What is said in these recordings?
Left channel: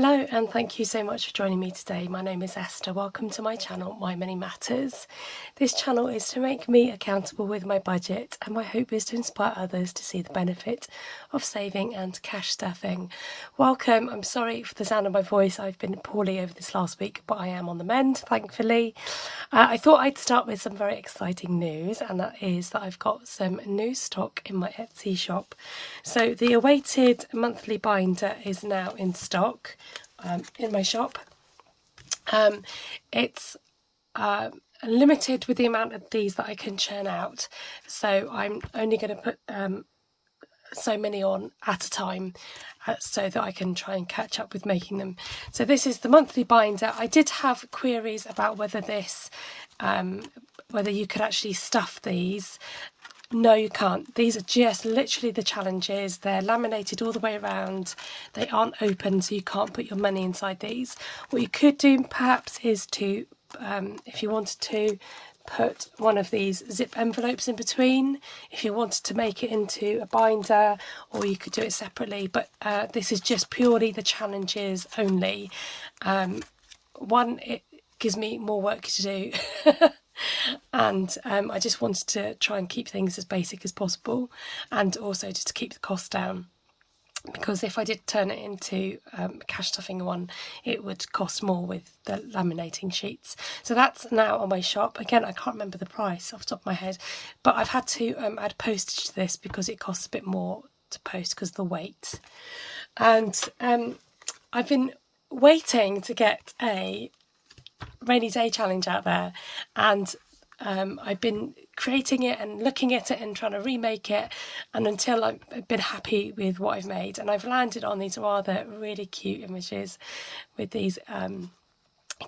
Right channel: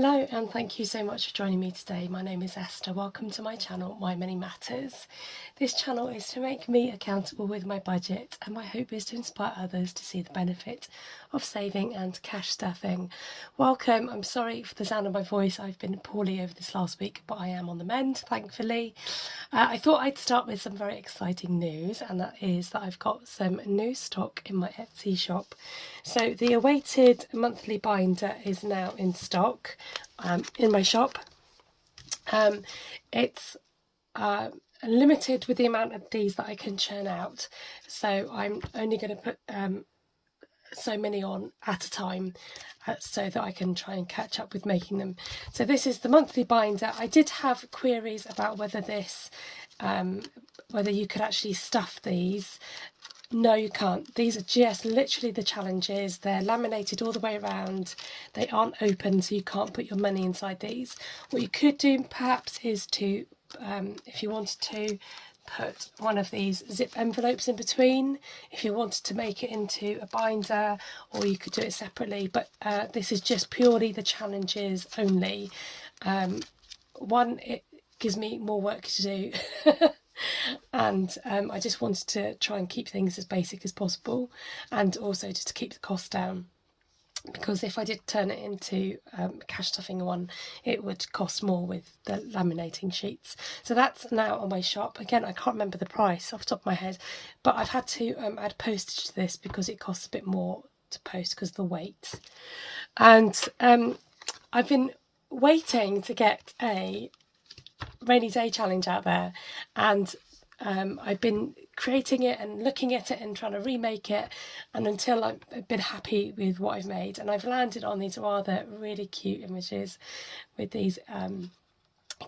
Hello and thank you so much for joining me today. My name is Esther. Welcome to my channel, My Money Matters. This channel is to make me accountable with my budget, and my hope is to inspire others to see the benefit of saving and cash stuffing. Welcome. I'm sorry for the sound of my voice. I've been poorly over this last week, but I am on the mend, thankfully. I thought I'd start with some very exciting news, and that is that I've got some new stock in my Etsy shop. So the awaited monthly binder is now in stock in my shop. It's limited with the amount of these that I can churn out, so I'm only going to put so many on at a time so that I can try and catch up with making them. So this is the monthly binder. I did have queries about whether this whether you could actually stuff these. No, you can't. These are just literally the challenges. They're laminated all the way around. They aren't open, so you can't put your money inside these. What you could do perhaps is to, if you wanted to, put one of these zip envelopes in between if you wanted to make it into a binder, or you could do it separately. But this is just purely the challenges only. One, it gives me more work to do. And I just wanted to try and keep things as basic as possible, and also just to keep the cost down, because if I did turn it into a cash stuffing one, it would cost more with the laminating sheets. So that's now on my shop. Again, I can't remember the price off the top of my head, but I've had to add postage to this because it costs a bit more to post because of the weight. And I've been waiting to get a rainy day challenge out there, and I've been creating it and looking at it and trying to remake it, and until I've been happy with what I've made, and I've landed on these rather really cute images with these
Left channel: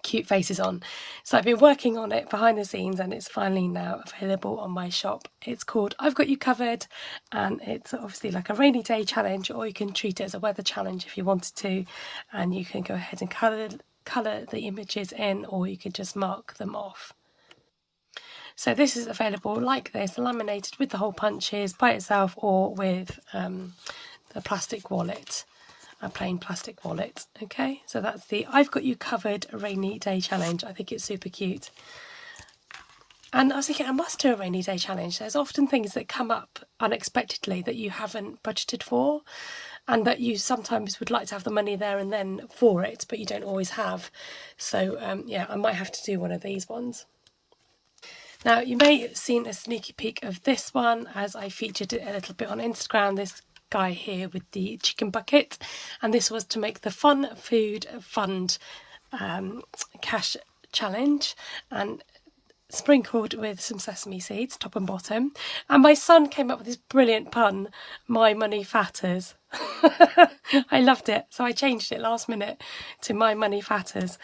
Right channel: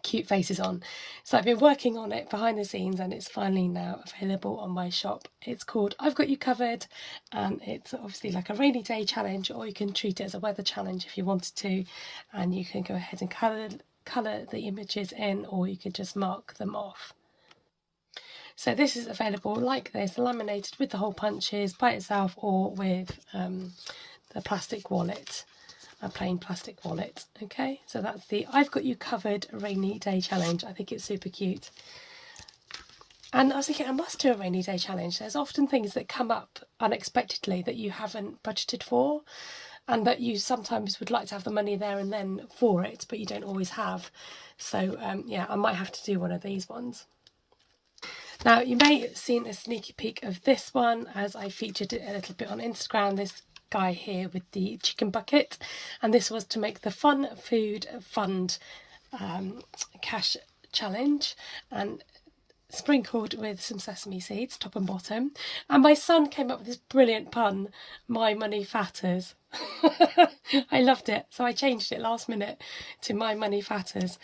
cute faces on. So I've been working on it behind the scenes, and it's finally now available on my shop. It's called I've Got You Covered, and it's obviously like a rainy day challenge, or you can treat it as a weather challenge if you wanted to, and you can go ahead and colour the images in, or you could just mark them off. So this is available like this, laminated with the hole punches by itself, or with the plastic wallet, a plain plastic wallet. Okay, so that's the I've Got You Covered rainy day challenge. I think it's super cute. And I was thinking, I must do a rainy day challenge. There's often things that come up unexpectedly that you haven't budgeted for, and that you sometimes would like to have the money there and then for it, but you don't always have. So yeah, I might have to do one of these ones. Now, you may have seen a sneaky peek of this one as I featured it a little bit on Instagram, this guy here with the chicken bucket, and this was to make the Fun Food Fund cash challenge, and sprinkled with some sesame seeds, top and bottom. And my son came up with this brilliant pun, my money fatters. I loved it, so I changed it last minute to my money fatters.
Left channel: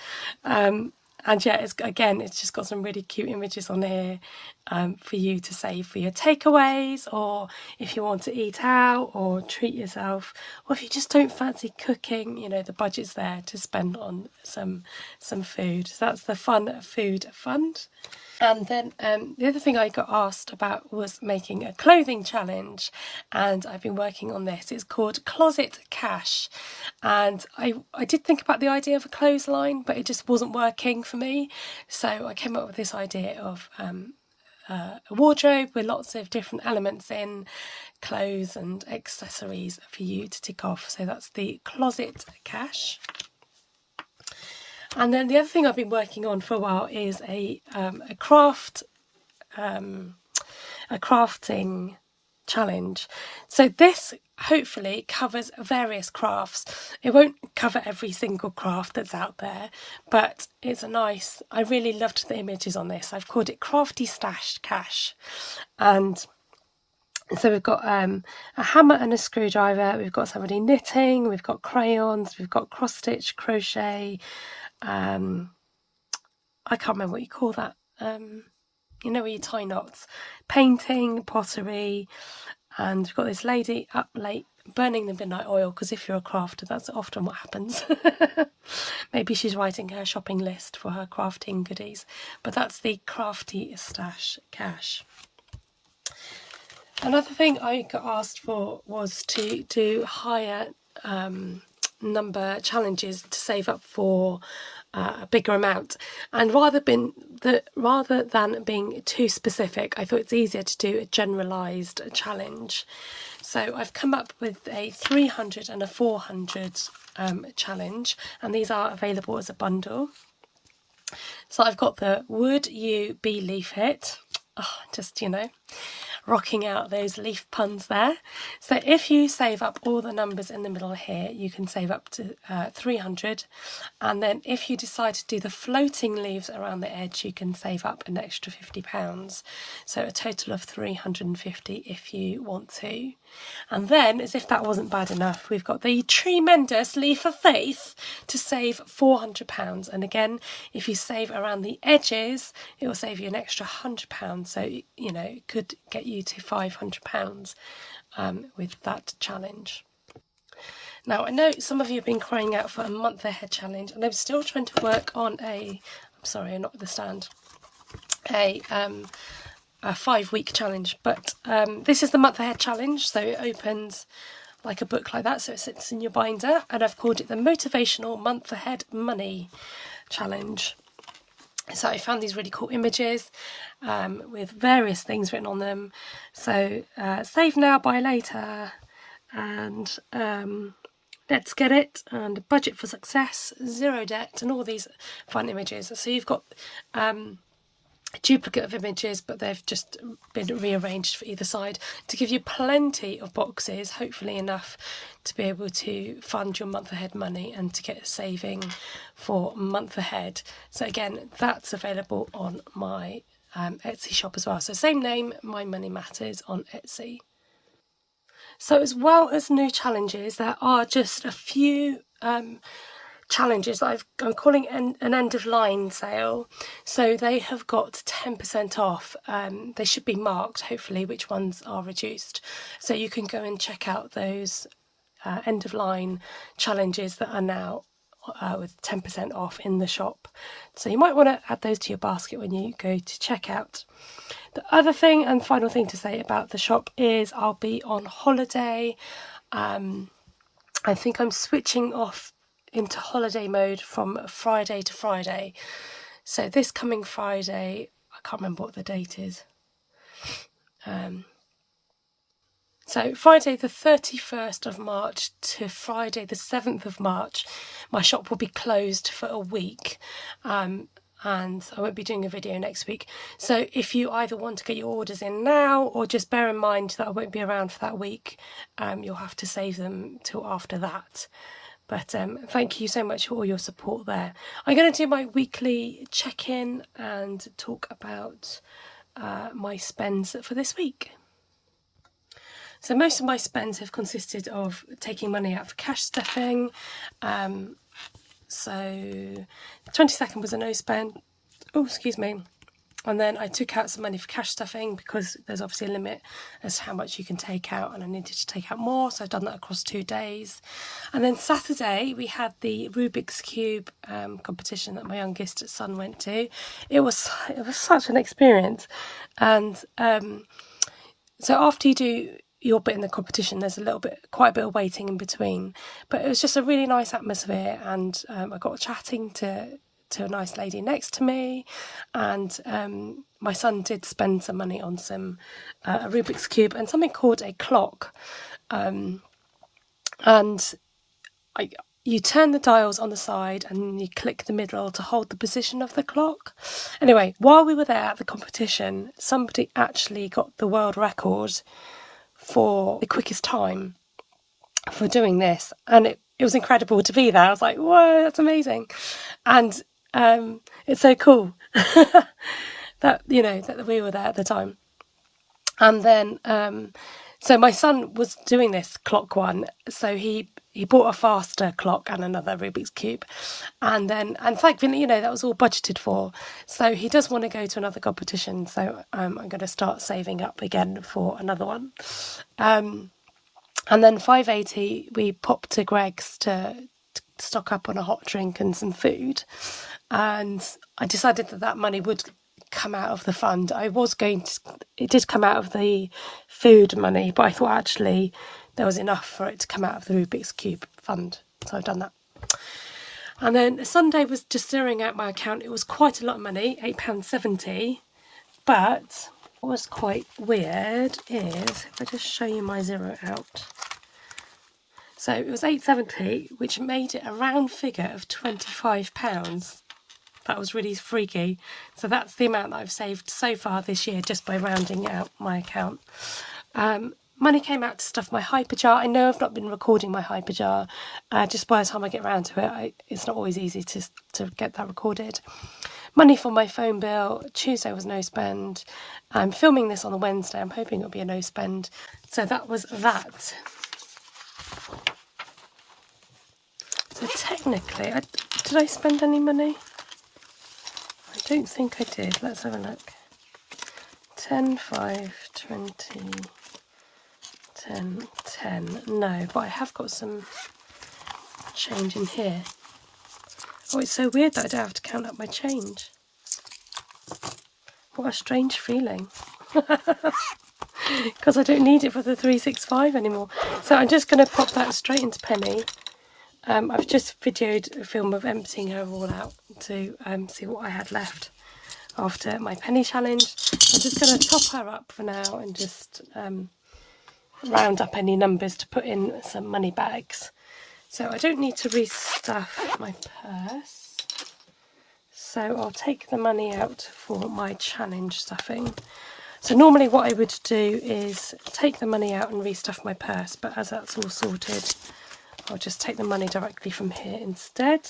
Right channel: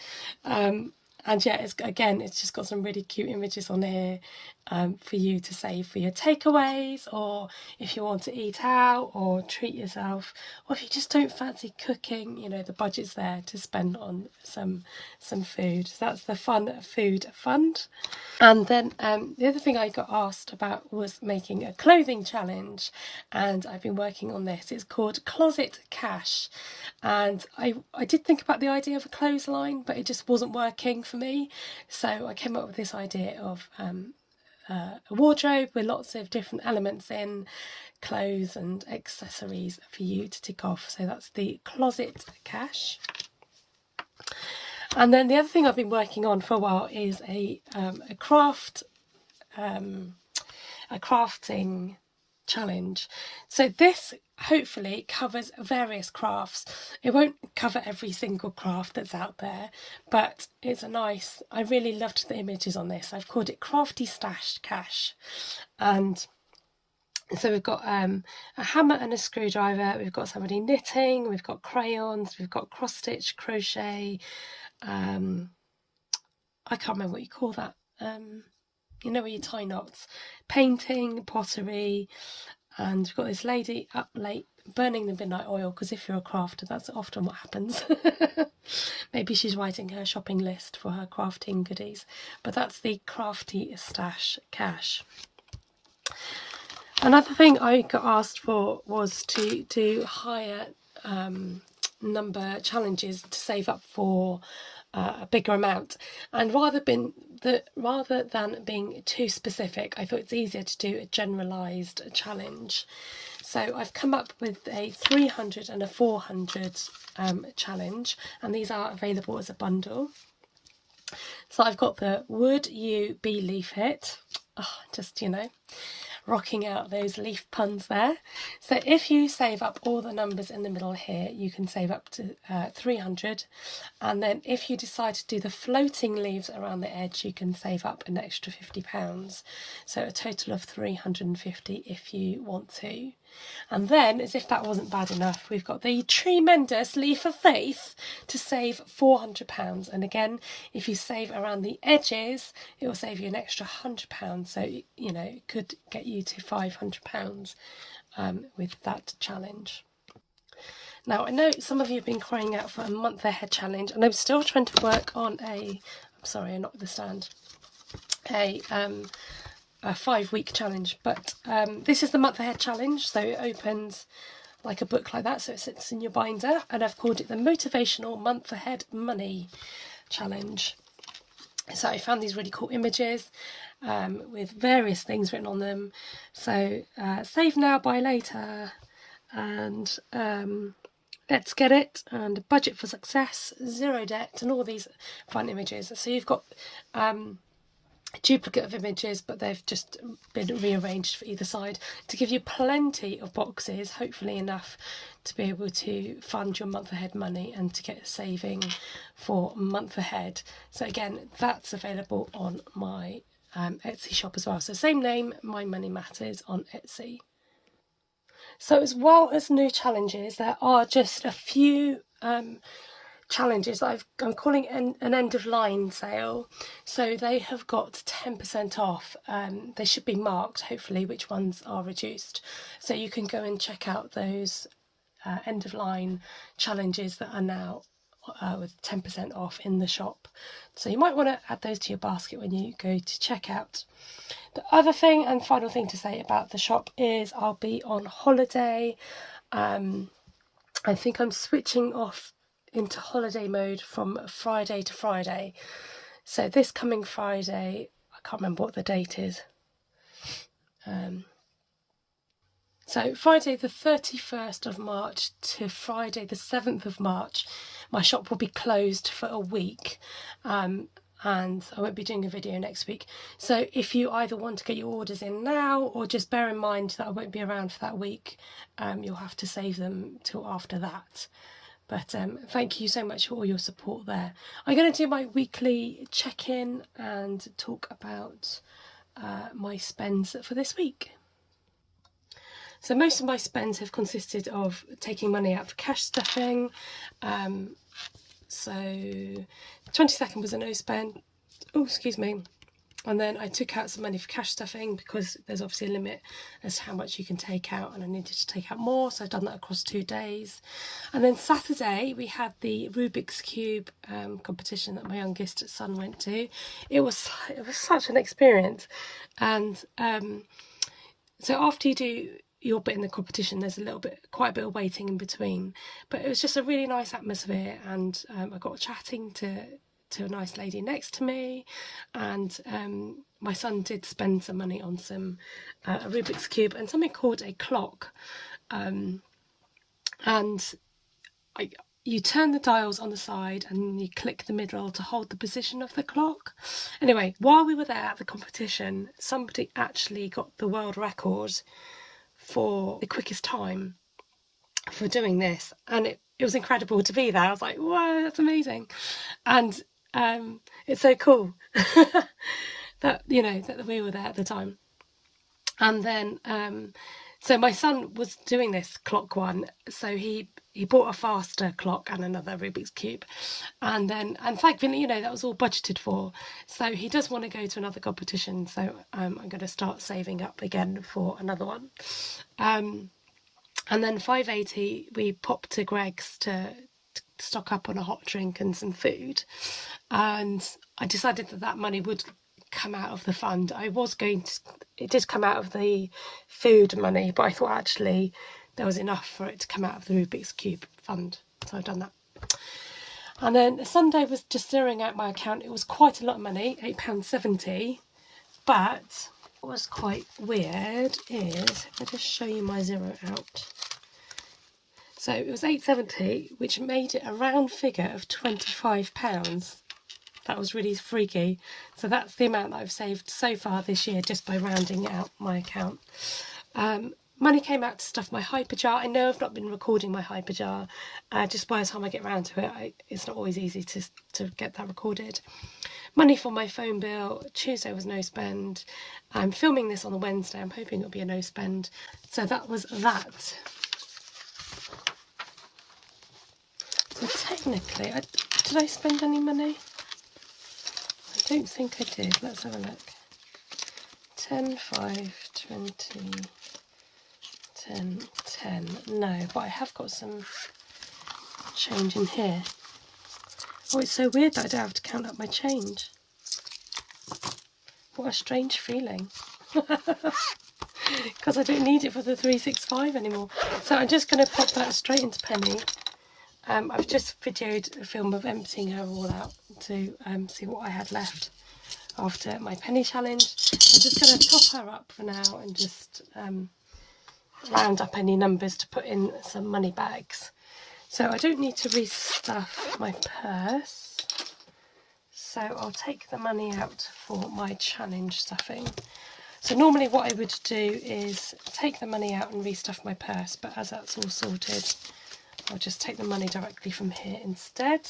And yeah, it's just got some really cute images on here for you to save for your takeaways, or if you want to eat out or treat yourself, or if you just don't fancy cooking, you know, the budget's there to spend on some food. So that's the Fun Food Fund. And then the other thing I got asked about was making a clothing challenge, and I've been working on this. It's called Closet Cash, and I did think about the idea of a clothesline, but it just wasn't working for me. So I came up with this idea of a wardrobe with lots of different elements in, clothes and accessories for you to tick off. So that's the Closet Cash. And then the other thing I've been working on for a while is a crafting challenge. So this hopefully covers various crafts. It won't cover every single craft that's out there, but it's a nice, I really loved the images on this. I've called it Crafty Stash Cash. And so we've got a hammer and a screwdriver, we've got somebody knitting, we've got crayons, we've got cross stitch, crochet, I can't remember what you call that, you know, where you tie knots, painting, pottery, and we've got this lady up late burning the midnight oil, because if you're a crafter, that's often what happens. Maybe she's writing her shopping list for her crafting goodies, but that's the Crafty Stash Cash. Another thing I got asked for was to hire number challenges to save up for a bigger amount. And rather than being too specific, I thought it's easier to do a generalised challenge. So I've come up with a 300 and a 400 challenge, and these are available as a bundle. So I've got the Would You Be Leaf Hit? Oh, just, rocking out those leaf puns there. So if you save up all the numbers in the middle here, you can save up to 300. And then if you decide to do the floating leaves around the edge, you can save up an extra £50. So a total of 350 if you want to. And then, as if that wasn't bad enough, we've got the tremendous Leaf of Faith to save £400. And again, if you save around the edges, it will save you an extra £100. So, it could get you to £500 with that challenge. Now, I know some of you have been crying out for a month ahead challenge, and I'm still trying to work on a 5-week challenge, but this is the month ahead challenge, so it opens like a book like that, so it sits in your binder, and I've called it the Motivational Month Ahead Money Challenge. So I found these really cool images with various things written on them. So save now, buy later, and let's get it, and budget for success, zero debt, and all these fun images. So you've got duplicate of images, but they've just been rearranged for either side to give you plenty of boxes, hopefully enough to be able to fund your month ahead money and to get saving for a month ahead. So again, that's available on my Etsy shop as well. So same name, My Money Matters on Etsy. So as well as new challenges, there are just a few challenges that I'm calling an end of line sale. So they have got 10% off. They should be marked, hopefully, which ones are reduced. So you can go and check out those end of line challenges that are now with 10% off in the shop. So you might want to add those to your basket when you go to checkout. The other thing and final thing to say about the shop is I'll be on holiday. I think I'm switching off into holiday mode from Friday to Friday. So this coming Friday, I can't remember what the date is. So Friday the 31st of March to Friday the 7th of March, my shop will be closed for a week. And I won't be doing a video next week. So if you either want to get your orders in now, or just bear in mind that I won't be around for that week, you'll have to save them till after that. But thank you so much for all your support there. I'm going to do my weekly check-in and talk about my spends for this week. So most of my spends have consisted of taking money out for cash stuffing. So 22nd was a no spend. Oh, excuse me. And then I took out some money for cash stuffing because there's obviously a limit as to how much you can take out, and I needed to take out more, so I've done that across 2 days. And then Saturday we had the Rubik's Cube competition that my youngest son went to. It was such an experience, and so after you do your bit in the competition, there's quite a bit of waiting in between, but it was just a really nice atmosphere, and I got chatting to a nice lady next to me, and my son did spend some money on some a Rubik's Cube and something called a clock, and you turn the dials on the side and you click the middle to hold the position of the clock. Anyway, while we were there at the competition, somebody actually got the world record for the quickest time for doing this, and it was incredible to be there. I was like, whoa, that's amazing. And it's so cool that we were there at the time. And then so my son was doing this clock one, so he bought a faster clock and another Rubik's Cube, and thankfully that was all budgeted for. So he does want to go to another competition, so I'm going to start saving up again for another one. And then 5:80 we popped to Greg's to stock up on a hot drink and some food, and I decided that money would come out of the fund. It did come out of the food money, but I thought actually there was enough for it to come out of the Rubik's Cube fund. So I've done that. And then Sunday was just zeroing out my account. It was quite a lot of money, £8.70. But what was quite weird is, if I just show you my zero out. So it was £8.70, which made it a round figure of £25. That was really freaky. So that's the amount that I've saved so far this year just by rounding out my account. Money came out to stuff my hyperjar. I know I've not been recording my hyperjar. Just by the time I get around to it, it's not always easy to get that recorded. Money for my phone bill. Tuesday was no spend. I'm filming this on a Wednesday. I'm hoping it'll be a no spend. So that was that. So technically, did I spend any money? I don't think I did. Let's have a look. 10, 5, 20, 10, 10. No, but I have got some change in here. Oh, it's so weird that I don't have to count up my change. What a strange feeling. Because I don't need it for the 365 anymore. So I'm just going to pop that straight into Penny. I've just videoed a film of emptying her all out to see what I had left after my Penny challenge. I'm just going to top her up for now and just round up any numbers to put in some money bags. So I don't need to restuff my purse. So I'll take the money out for my challenge stuffing. So normally what I would do is take the money out and restuff my purse, but as that's all sorted, I'll just take the money directly from here instead.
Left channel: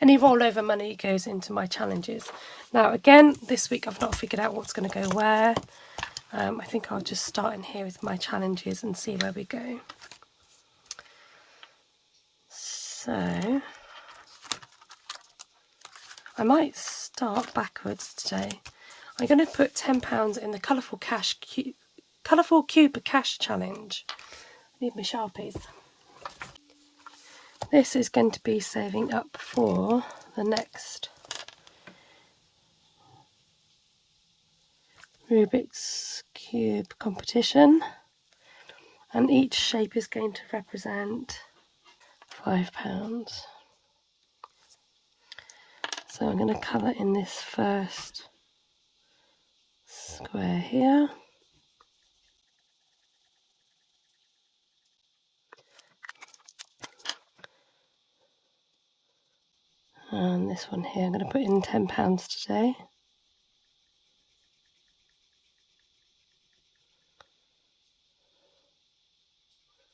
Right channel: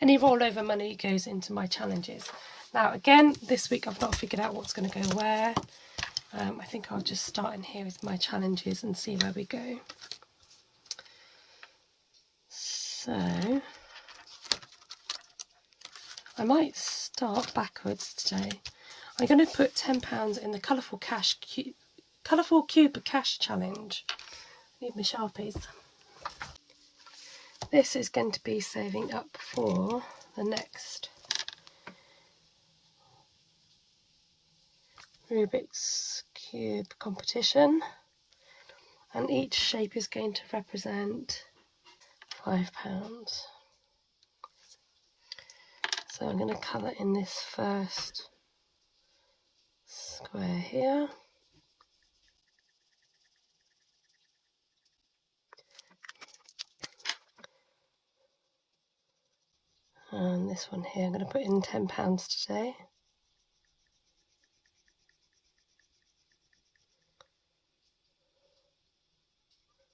Any rollover money goes into my challenges. Now again, this week I've not figured out what's going to go where. I think I'll just start in here with my challenges and see where we go. So I might start backwards today. I'm going to put £10 in the colourful cube cash challenge. I need my Sharpies. This is going to be saving up for the next Rubik's Cube competition, and each shape is going to represent £5. So I'm going to colour in this first square here. And this one here, I'm going to put in £10 today.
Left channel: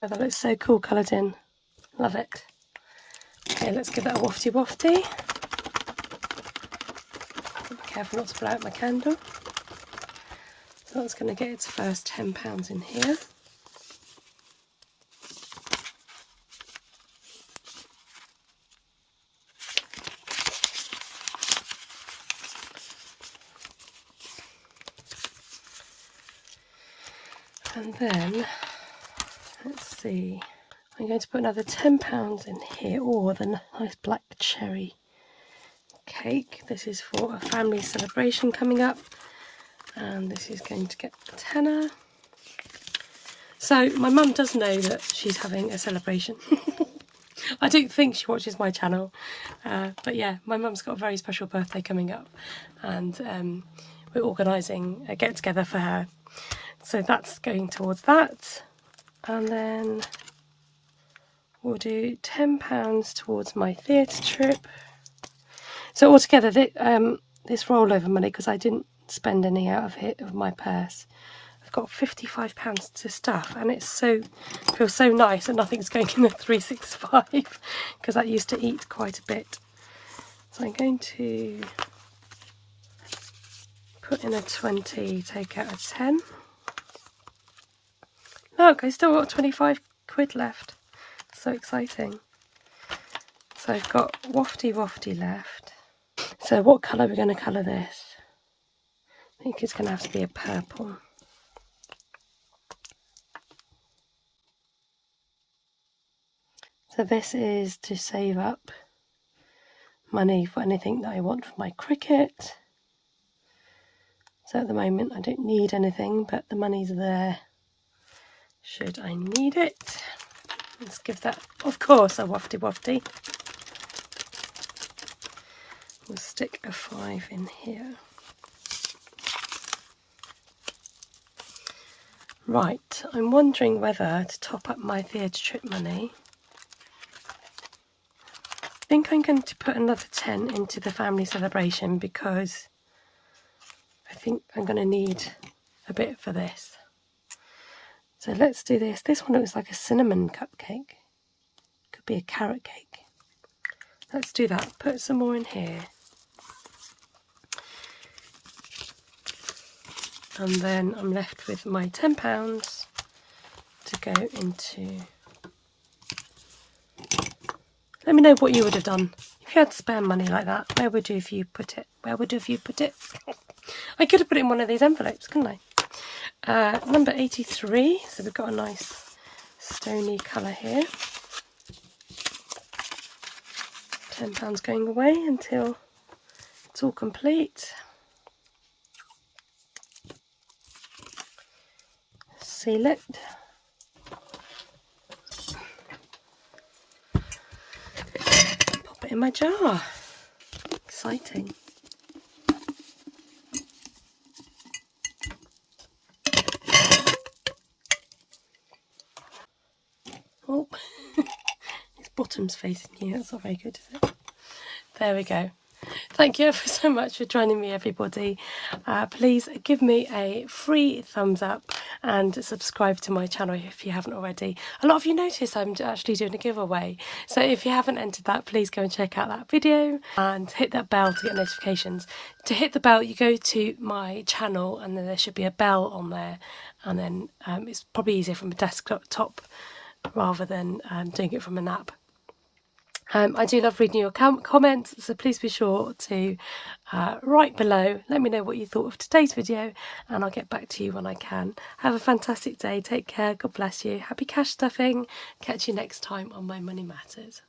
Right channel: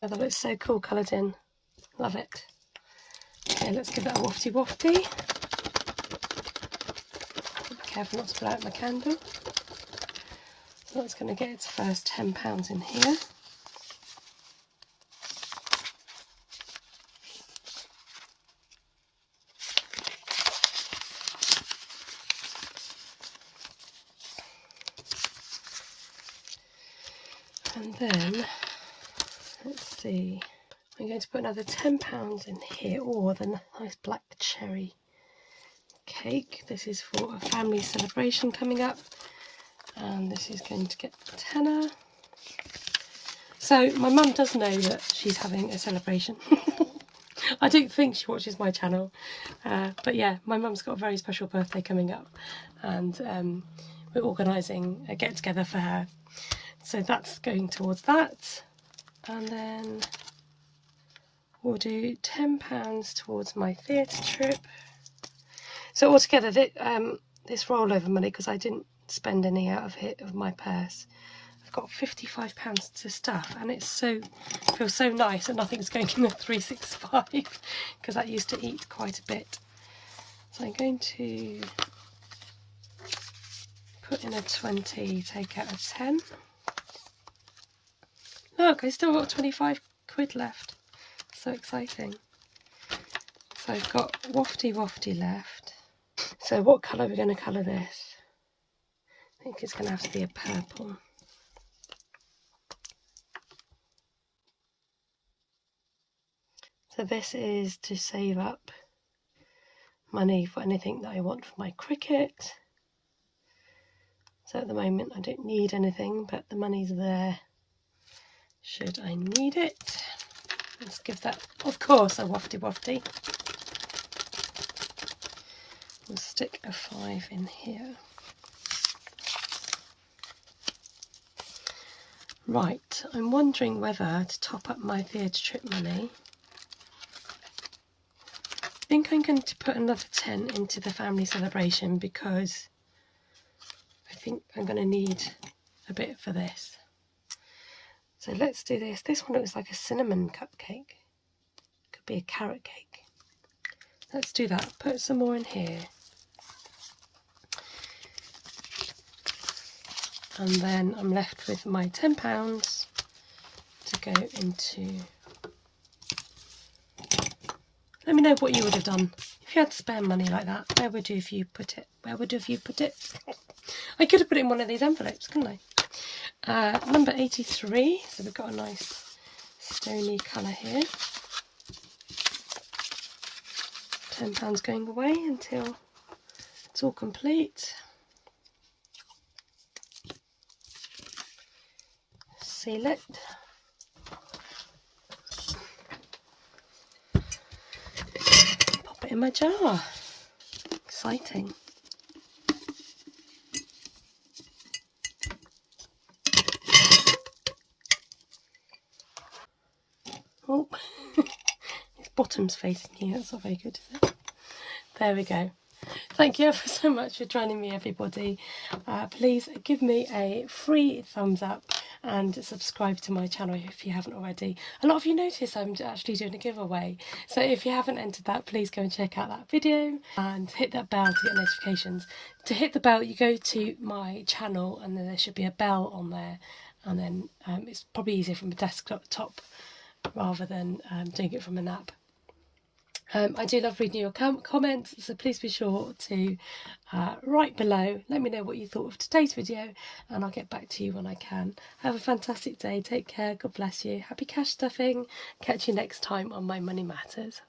Oh, that looks so cool coloured in. Love it. Okay, let's give that a wafty wafty. Be careful not to blow out my candle. So that's going to get its first £10 in here. And then, let's see, I'm going to put another £10 in here. Oh, the nice black cherry cake. This is for a family celebration coming up. And this is going to get a tenner. So my mum does know that she's having a celebration. I don't think she watches my channel. But yeah, my mum's got a very special birthday coming up. And we're organising a get-together for her. So that's going towards that. And then we'll do £10 towards my theatre trip. So altogether, this rollover money, because I didn't spend any out of it of my purse, I've got £55 to stuff, and it feels so nice that nothing's going in the 365, because that used to eat quite a bit. So I'm going to put in a 20, take out a 10. Look, I still got 25 quid left. So exciting. So I've got wafty wafty left. So what colour are we going to colour this? I think it's going to have to be a purple. So this is to save up money for anything that I want for my cricket. So at the moment I don't need anything, but the money's there should I need it. Let's give that, of course, a wafty wafty. We'll stick a 5 in here. Right, I'm wondering whether to top up my theatre trip money. I think I'm going to put another 10 into the family celebration because I think I'm going to need a bit for this. So let's do this. This one looks like a cinnamon cupcake. Could be a carrot cake. Let's do that. Put some more in here. And then I'm left with my £10 to go into... Let me know what you would have done. If you had spare money like that, where would you have you put it? Where would have you put it? I could have put it in one of these envelopes, couldn't I? Number 83. So we've got a nice stony colour here. £10 going away until it's all complete. Seal it. Pop it in my jar. Exciting. Oh, his bottom's facing you. That's not very good, is it? There we go. Thank you ever so much for joining me, everybody. Please give me a free thumbs up and subscribe to my channel if you haven't already. A lot of you notice I'm actually doing a giveaway, so if you haven't entered that, please go and check out that video and hit that bell to get notifications. To hit the bell, you go to my channel and then there should be a bell on there, and then it's probably easier from a desktop rather than doing it from an app. I do love reading your comments, so please be sure to write below. Let me know what you thought of today's video, and I'll get back to you when I can. Have a fantastic day. Take care. God bless you. Happy cash stuffing. Catch you next time on My Money Matters.